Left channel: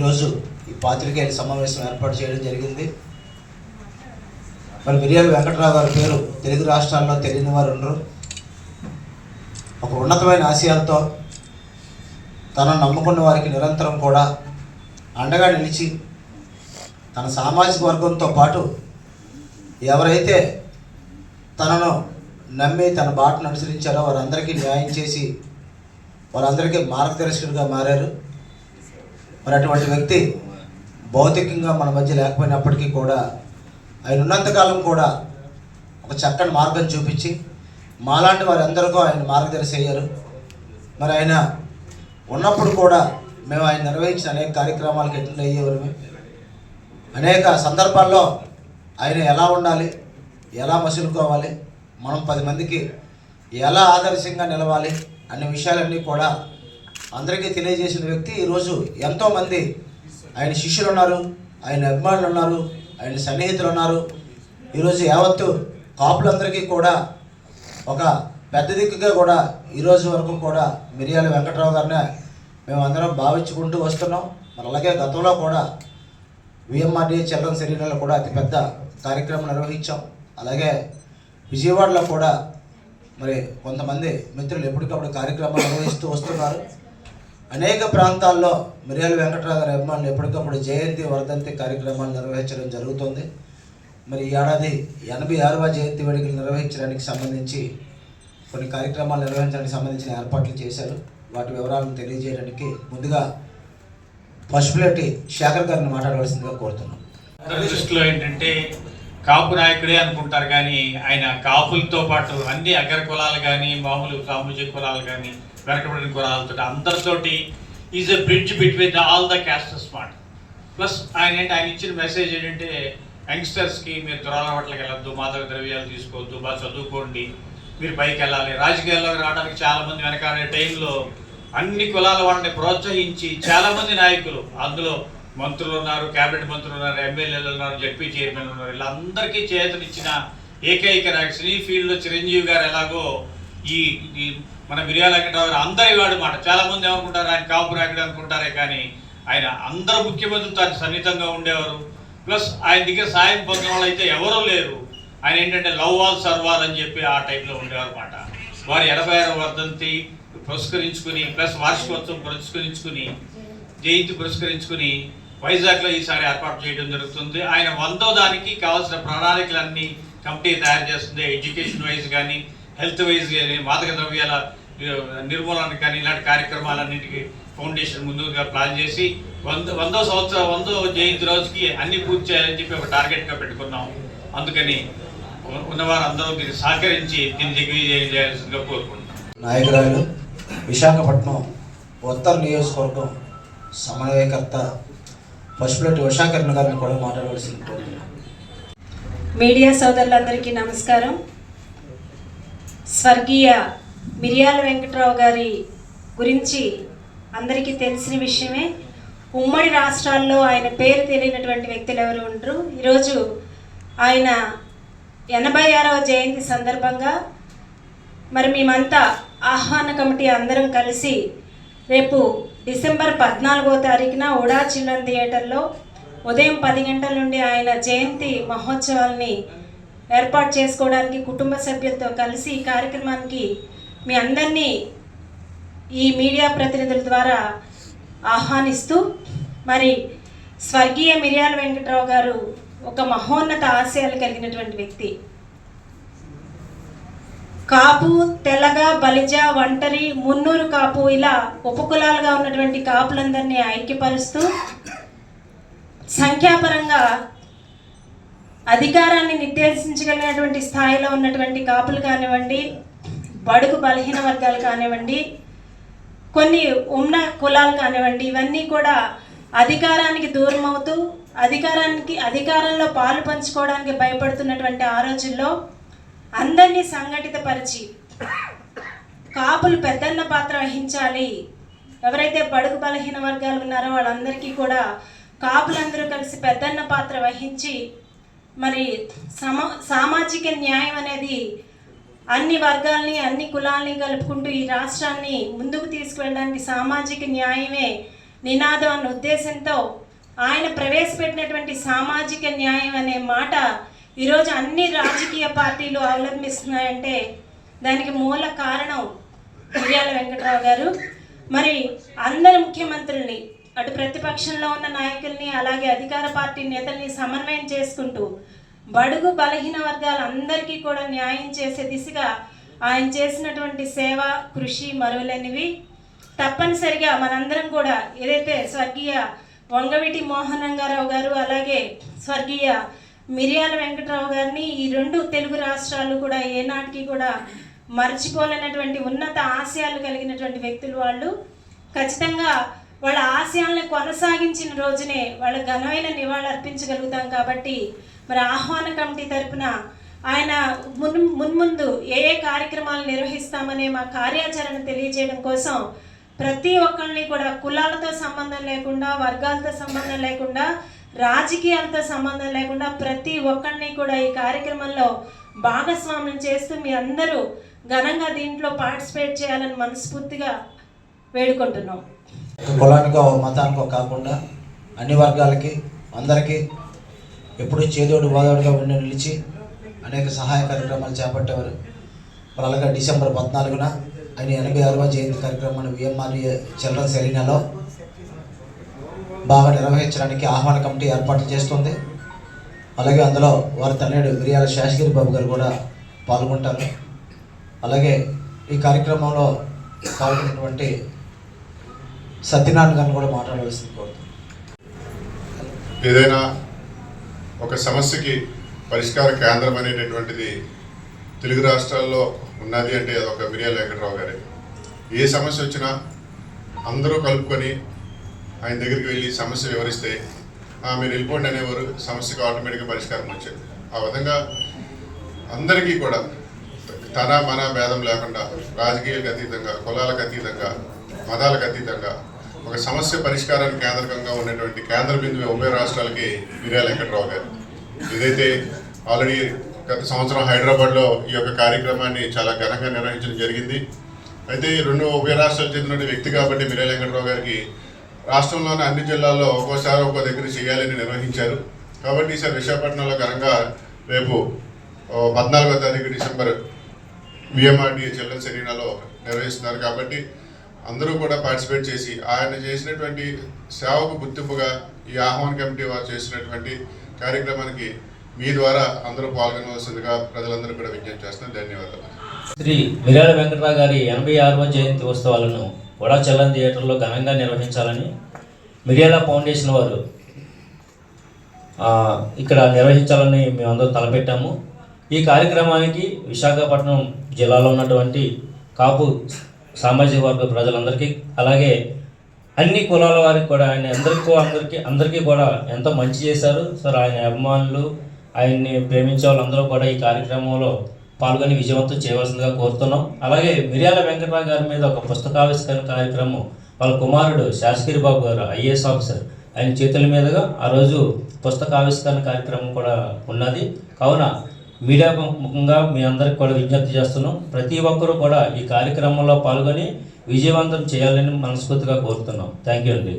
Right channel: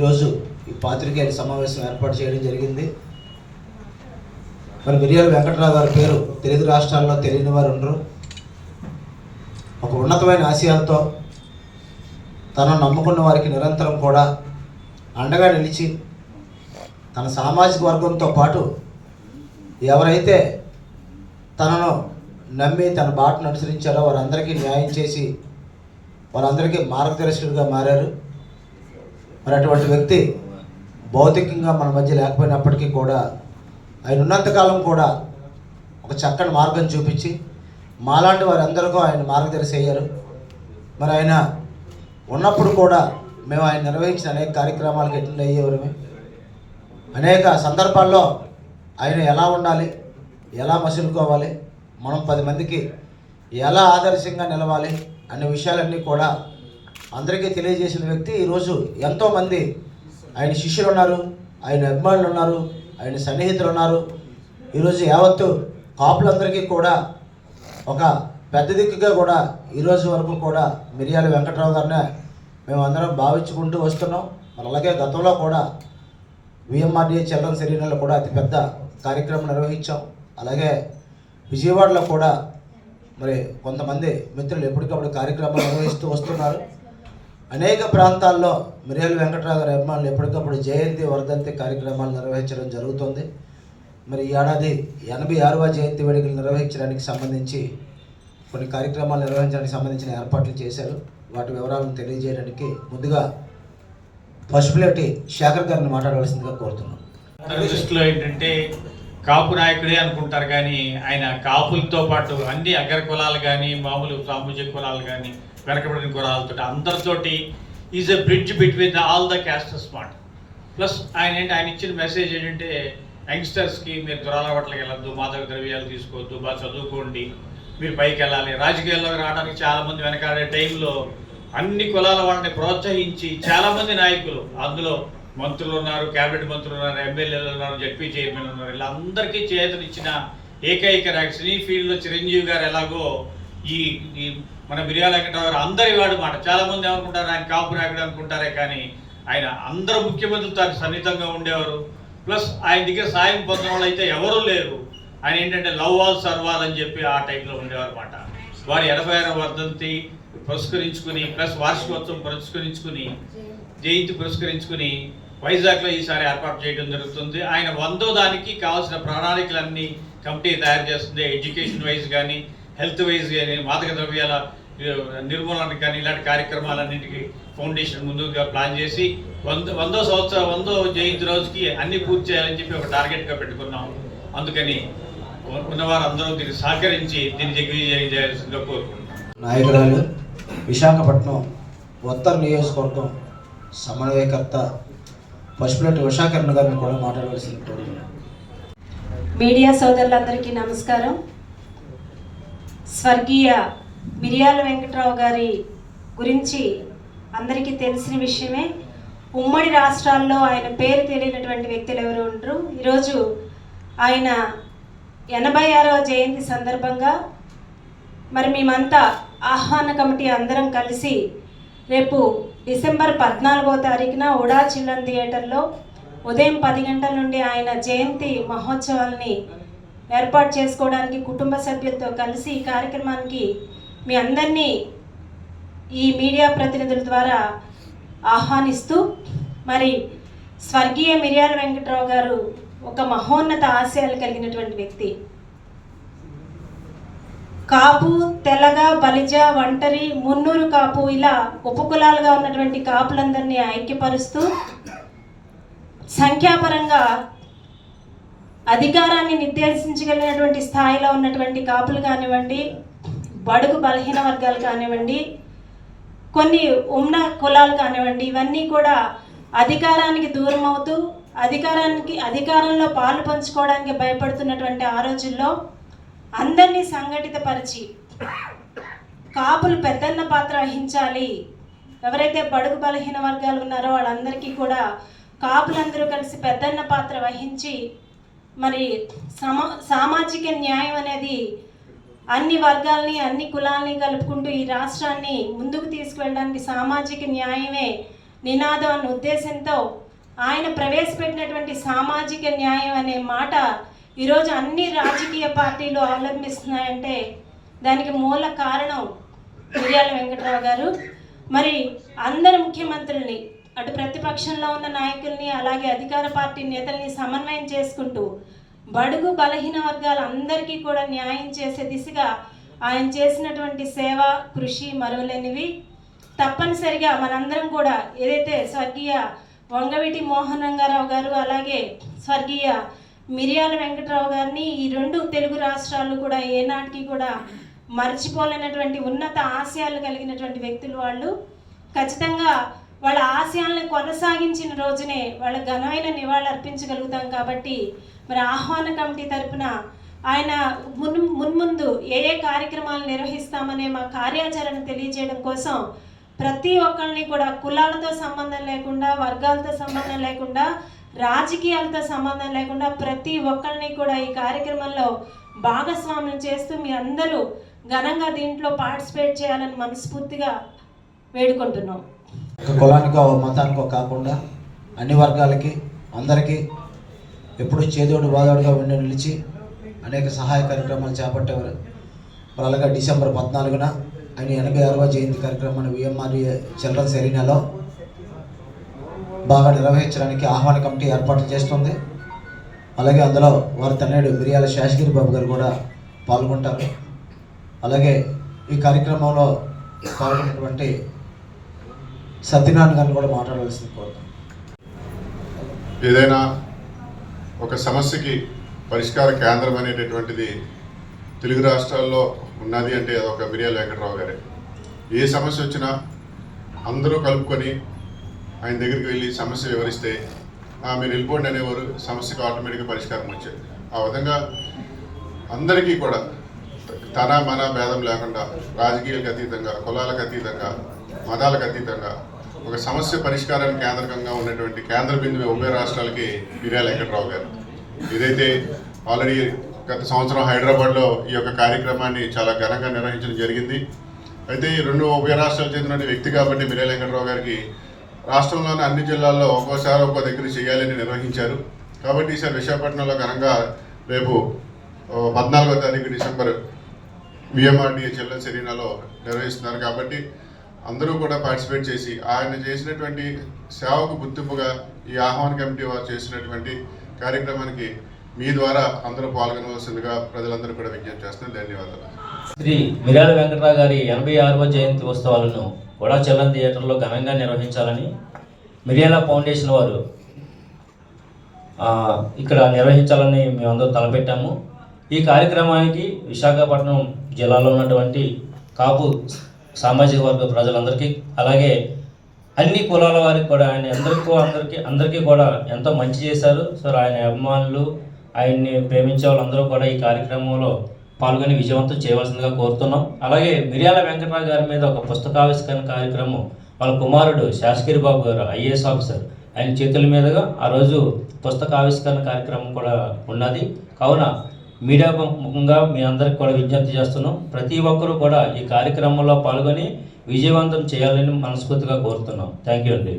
ఈరోజు ఈ పాత్రికేయుల సమావేశం ఏర్పాటు చేయడం జరిగింది. మరి మిరియాల వెంకట్రావు గారి పేరు తెలుగు రాష్ట్రాల్లో తెలియని వారు ఉండరు. ఒక ఉన్నతమైన ఆశయాలతో తనను నమ్ముకున్న వారికి నిరంతరం కూడా అండగా నిలిచి తన సామాజిక వర్గంతో పాటు ఎవరైతే తనను నమ్మి తన బాటను అనుసరించారో వారందరికీ న్యాయం చేసి వారందరికీ మార్గదర్శకుడిగా మారారు. మరి అటువంటి వ్యక్తి భౌతికంగా మన మధ్య లేకపోయినప్పటికీ కూడా ఆయన ఉన్నంతకాలం కూడా ఒక చక్కని మార్గం చూపించి మాలాంటి వారందరికీ ఆయన మార్గదర్శి అయ్యారు. మరి ఆయన ఉన్నప్పుడు కూడా మేము ఆయన నిర్వహించిన అనేక కార్యక్రమాలకు అటెండ్ అయ్యేవారమే. అనేక సందర్భాల్లో ఆయన ఎలా ఉండాలి, ఎలా మసులుకోవాలి, మనం 10 మందికి ఎలా ఆదర్శంగా నిలవాలి అనే విషయాలన్నీ కూడా అందరికీ తెలియజేసిన వ్యక్తి. ఈరోజు ఎంతోమంది ఆయన శిష్యులు ఉన్నారు, ఆయన అభిమానులు ఉన్నారు, ఆయన సన్నిహితులు ఉన్నారు. ఈరోజు యావత్తు కాపులందరికీ కూడా ఒక పెద్ద దిక్కుగా కూడా ఈరోజు వరకు కూడా మిరియాల వెంకట్రావు గారిని మేము అందరం భావించుకుంటూ వస్తున్నాం. మరి అలాగే గతంలో కూడా విఎంఆర్డీఏ చిల్డ్రన్స్ ఎరీనాలో కూడా అతిపెద్ద కార్యక్రమం నిర్వహించాం. అలాగే విజయవాడలో కూడా మరి కొంతమంది మిత్రులు ఎప్పటికప్పుడు కార్యక్రమాలు నిర్వహిస్తూ వస్తున్నారు. అనేక ప్రాంతాల్లో మిరియాల వెంకట్రావు గారి అభిమానులు ఎప్పటికప్పుడు జయంతి వర్ధంతి కార్యక్రమాలు నిర్వహించడం జరుగుతుంది. మరి ఈ ఏడాది 86వ జయంతి వేడుకలు నిర్వహించడానికి సంబంధించి కొన్ని కార్యక్రమాలు నిర్వహించడానికి సంబంధించిన ఏర్పాట్లు చేశారు. వాటి వివరాలను తెలియజేయడానికి ముందుగా పశుపులేటి శేఖర్ గారిని మాట్లాడవలసిందిగా కోరుతున్నాం. దృష్టిలో ఏంటంటే కాపు నాయకుడే అనుకుంటారు, కానీ ఆయన కాపులతో పాటు అన్ని అగ్ర కులాలు కానీ మామూలు సామాజిక కులాలు కానీ వెనకబడిన కులాలతో అందరితోటి is a bridge between all the castes మాట. ప్లస్ ఆయన ఇచ్చిన మెసేజ్ ఏంటంటే యంగ్స్టర్స్కి మీరు దురాలవాట్లకి వెళ్ళొద్దు, మాదక ద్రవ్యాలు తీసుకోవద్దు, బాగా చదువుకోండి, మీరు పైకి వెళ్ళాలి. రాజకీయాల్లోకి రావడానికి చాలామంది వెనకాడే టైంలో అన్ని కులాల వాళ్ళని ప్రోత్సహించి చాలామంది నాయకులు, అందులో మంత్రులు ఉన్నారు, క్యాబినెట్ మంత్రులు ఉన్నారు, ఎమ్మెల్యేలు ఉన్నారు, జడ్పీ చైర్మన్ ఉన్నారు, వీళ్ళందరికీ చేతనిచ్చిన ఏకైక నాయకుడు. సినీ ఫీల్డ్లో చిరంజీవి గారు ఎలాగో ఈ మన మిరియాల వెంకట్రావు గారు అందరి వాడు మాట. చాలామంది ఏమనుకుంటారు ఆయన కాపు నాయకుడు అనుకుంటారే, కానీ ఆయన అందరు ముఖ్యమంత్రితో సన్నిహితంగా ఉండేవారు. ప్లస్ ఆయన దగ్గర సాయం పొందిన వాళ్ళు అయితే ఎవరూ లేరు. ఆయన ఏంటంటే లవ్ ఆల్ సర్వార్ అని చెప్పి ఆ టైంలో ఉండేవారు అన్నమాట. వారి 86వ వర్ధంతి పురస్కరించుకుని ప్లస్ వార్షికోత్సవం పురస్కరించుకుని జయంతి పురస్కరించుకుని వైజాగ్లో ఈసారి ఏర్పాటు చేయడం జరుగుతుంది. ఆయన 100వ దానికి కావాల్సిన ప్రణాళికలన్నీ కమిటీ తయారు చేస్తుంది. ఎడ్యుకేషన్ వైజ్ కానీ, హెల్త్ వైజ్ కానీ, మాదక ద్రవ్యాల నిర్మూలనకు కానీ ఇలాంటి కార్యక్రమాలన్నింటికి ఫౌండేషన్ ముందుగా ప్లాన్ చేసి 100వ జయంతి రోజుకి అన్ని పూర్తి చేయాలని చెప్పి ఒక టార్గెట్గా పెట్టుకున్నాం. అందుకని ఉన్నవారందరూ దీన్ని సహకరించి దీన్ని దిగ్విజయం చేయాల్సిందిగా కోరుకుంటున్నాం. నాయకురాలు విశాఖపట్నం ఉత్తర నియోజకవర్గం సమన్వయకర్త పశుపులేటి ఉషాకిరణ్ గారిని కూడా మాట్లాడవలసింది కోరుతున్నాం. మీడియా సోదరులందరికీ నమస్కారం. స్వర్గీయ మిరియాల వెంకట్రావు గారి గురించి అందరికీ తెలిసిన విషయమే. ఉమ్మడి రాష్ట్రాల్లో ఆయన పేరు తెలియనటువంటి వ్యక్తులు ఎవరు ఉండరు. ఈరోజు ఆయన 86వ జయంతి సందర్భంగా మరి మేమంతా ఆహ్వాన కమిటీ అందరం కలిసి రేపు డిసెంబర్ 14వ తారీఖున ఉడా చిల్డ్రన్ థియేటర్లో ఉదయం 10 గంటల నుండి ఆయన జయంతి మహోత్సవాల్ని ఏర్పాటు చేసుకోవడానికి కుటుంబ సభ్యులతో కలిసి ఈ కార్యక్రమానికి మీ అందరినీ ఈ మీడియా ప్రతినిధుల ద్వారా ఆహ్వానిస్తూ, మరి స్వర్గీయ మిరియాల వెంకట్రావు గారు ఒక మహోన్నత ఆశయాలు కలిగినటువంటి వ్యక్తి. కాపు, తెలగ, బలిజ, ఒంటరి, మున్నూరు కాపు ఇలా ఉపకులాలుగా ఉన్నటువంటి కాపులందరినీ ఐక్యపరుస్తూ సంఖ్యాపరంగా అధికారాన్ని నిర్దేశించగలిగినటువంటి స్థాయిలో ఉన్నటువంటి కాపులు కానివ్వండి, బడుగు బలహీన వర్గాలు కానివ్వండి, కొన్ని ఉన్న కులాలు కానివ్వండి, ఇవన్నీ కూడా అధికారానికి దూరం అవుతూ అధికారంలో పాలు పంచుకోవడానికి భయపడుతున్నటువంటి ఆ రోజుల్లో అందరినీ సంఘటితపరిచి కాపులు పెద్దన్న పాత్ర వహించాలి. ఎవరైతే బడుగు బలహీన వర్గాలు ఉన్నారో వాళ్ళందరికీ కూడా కాపులందరూ కలిసి పెద్దన్న పాత్ర వహించి మరి సామాజిక న్యాయం అనేది అన్ని వర్గాల్ని అన్ని కులాల్ని కలుపుకుంటూ ఈ రాష్ట్రాన్ని ముందుకు తీసుకువెళ్ళడానికి సామాజిక న్యాయమే నినాదం అన్న ఉద్దేశంతో ఆయన ప్రవేశపెట్టినటువంటి సామాజిక న్యాయం అనే మాట ఈరోజు అన్ని రాజకీయ పార్టీలు అవలంబిస్తున్నాయంటే దానికి మూల కారణం మిర్యాల వెంకట్రావు గారు. మరి అందరు ముఖ్యమంత్రుల్ని, అటు ప్రతిపక్షంలో ఉన్న నాయకుల్ని అలాగే అధికార పార్టీ నేతల్ని సమన్వయం చేసుకుంటూ బడుగు బలహీన వర్గాలందరికీ కూడా న్యాయం చేసే దిశగా ఆయన చేసినటువంటి సేవ కృషి మరువలేనివి. తప్పనిసరిగా మనందరం కూడా ఏదైతే స్వర్గీయ వంగవీటి మోహన్ రంగారావు గారు అలాగే స్వర్గీయ మిర్యాల వెంకట్రావు గారిని ఈ రెండు తెలుగు రాష్ట్రాలు కూడా ఏనాటికి కూడా మర్చిపోలేనటువంటి ఉన్నత ఆశయాలు కలిగినటువంటి వ్యక్తులు వాళ్ళు. ఖచ్చితంగా వాళ్ళ ఆశయాలను కొనసాగించిన రోజునే వాళ్ళ ఘనమైన నివాళులు అర్పించగలుగుతాం. కాబట్టి మరి ఆహ్వాన కమిటీ తరపున ఆయన మున్ముందు ఏ ఏ కార్యక్రమాలు నిర్వహిస్తామనే మా కార్యాచరణ తెలియజేయడం కోసం ప్రతి ఒక్కరిని కూడా కులాలతో సంబంధం లేకుండా, వర్గాలతో సంబంధం లేకుండా, రాజకీయాలతో సంబంధం లేకుండా ప్రతి ఒక్కరిని కూడా ఈ కార్యక్రమంలో భాగస్వామ్యం చేస్తూ మీ అందరూ ఘనంగా దీంట్లో పార్టిసిపేట్ చేయాలని మనస్ఫూర్తిగా వేడుకుంటున్నాం. ఒక కులానికో మతానికో కాకుండా అన్ని వర్గాలకి అందరికీ ఎప్పుడూ చేదోడు వాదోడుగా ఉండి నిలిచి అనేక సహాయ కార్యక్రమాలు చేపట్టేవారు. అలాగే డిసెంబర్ 14న ఆయన 86వ జయంతి కార్యక్రమాన్ని విఎంఆర్ఏ చిల్డ్రన్స్ ఎరీనాలో బాగా నిర్వహించడానికి ఆహ్వాన కమిటీ ఏర్పాట్లు చేస్తుంది. అలాగే అందులో వారి తనయుడు మిర్యాల శేషగిరి బాబు గారు కూడా పాల్గొంటారు. అలాగే ఈ కార్యక్రమంలో పాల్గొన్నటువంటి సత్యనారాయణ గారిని కూడా మాట్లాడవలసింది కోరుతాను. ఏదైనా ఒక సమస్యకి పరిష్కార కేంద్రం అనేటటువంటిది తెలుగు రాష్ట్రాల్లో ఉన్నది అంటే ఒక మిర్యాల వెంకట్రావు గారే. ఏ సమస్య వచ్చినా అందరూ కలుపుకొని ఆయన దగ్గరికి వెళ్ళి సమస్య వివరిస్తే మీరు వెళ్ళిపోండి అనేవారు. సమస్యకు ఆటోమేటిక్గా పరిష్కారం వచ్చేది. ఆ విధంగా అందరికీ కూడా తన మన భేదం లేకుండా రాజకీయాలకు అతీతంగా, కులాలకు అతీతంగా, మతాలకు అతీతంగా ఒక సమస్య పరిష్కారానికి కేంద్రకంగా ఉన్నటువంటి కేంద్ర బిందువు ఉభయ రాష్ట్రాలకి మిర్యాల వెంకట్రావు గారు. ఏదైతే ఆల్రెడీ గత సంవత్సరం హైదరాబాద్లో ఈ యొక్క కార్యక్రమాన్ని చాలా ఘనంగా నిర్వహించడం జరిగింది. అయితే రెండు ఉభయ రాష్ట్రాలకు చెందిన వ్యక్తి కాబట్టి మిర్యాల వెంకట్రావు గారికి రాష్ట్రంలోని అన్ని జిల్లాల్లో ఒక్కోసారి ఒక్కో దగ్గర చేయాలని నిర్వహించారు. కాబట్టి ఈసారి విశాఖపట్నంలో ఘనంగా రేపు 14వ తారీఖు డిసెంబర్ విఎంఆర్డీఏ చిల్డ్రన్స్ ఎరీనాలో నిర్వహిస్తున్నారు. కాబట్టి అందరూ కూడా పార్టిసిపేట్ చేసి ఆయన చేసినటువంటి సేవకు గుర్తింపుగా ఈ ఆహ్వాన కమిటీ వారు చేసినటువంటి కార్యక్రమానికి మీ ద్వారా అందరూ పాల్గొనవలసిందిగా ప్రజలందరూ కూడా విజ్ఞప్తి చేస్తున్నారు. ధన్యవాదాలు. శ్రీ మిర్యాల వెంకట్రావు గారి 86వ జయంతి ఉత్సవాలను కూడా చలన్ థియేటర్లో ఘనంగా నిర్వహించాలని మిర్యాల ఫౌండేషన్ వారు ఇక్కడ నిర్వహించాలని మేమందరూ తలపెట్టాము. ఈ కార్యక్రమానికి విశాఖపట్నం జిల్లాలో ఉన్నటువంటి కాపు సామాజిక వర్గ ప్రజలందరికీ అలాగే అన్ని కులాల వారికి కూడా ఆయన అందరికీ కూడా ఎంతో మంచి చేశారు. సార్ ఆయన అభిమానులు, ఆయన్ని ప్రేమించే వాళ్ళందరూ కూడా ఈ కార్యక్రమంలో పాల్గొని విజయవంతం చేయవలసిందిగా కోరుతున్నాం. అలాగే మిర్యాల వెంకట్రావు గారి మీద ఒక పుస్తకావిష్కరణ కార్యక్రమం వాళ్ళ కుమారుడు శేషగిరి బాబు గారు ఐఏఎస్ ఆఫీసర్ ఆయన చేతుల మీదుగా ఆ రోజు పుస్తకావిష్కరణ కార్యక్రమం కూడా ఉన్నది. కావున మీడియా ముఖంగా మీ అందరికి కూడా విజ్ఞప్తి చేస్తున్నాం. ప్రతి ఒక్కరూ కూడా ఈ కార్యక్రమంలో పాల్గొని విజయవంతం చేయాలని మనస్ఫూర్తిగా కోరుతున్నాం. థ్యాంక్ యూ అండి.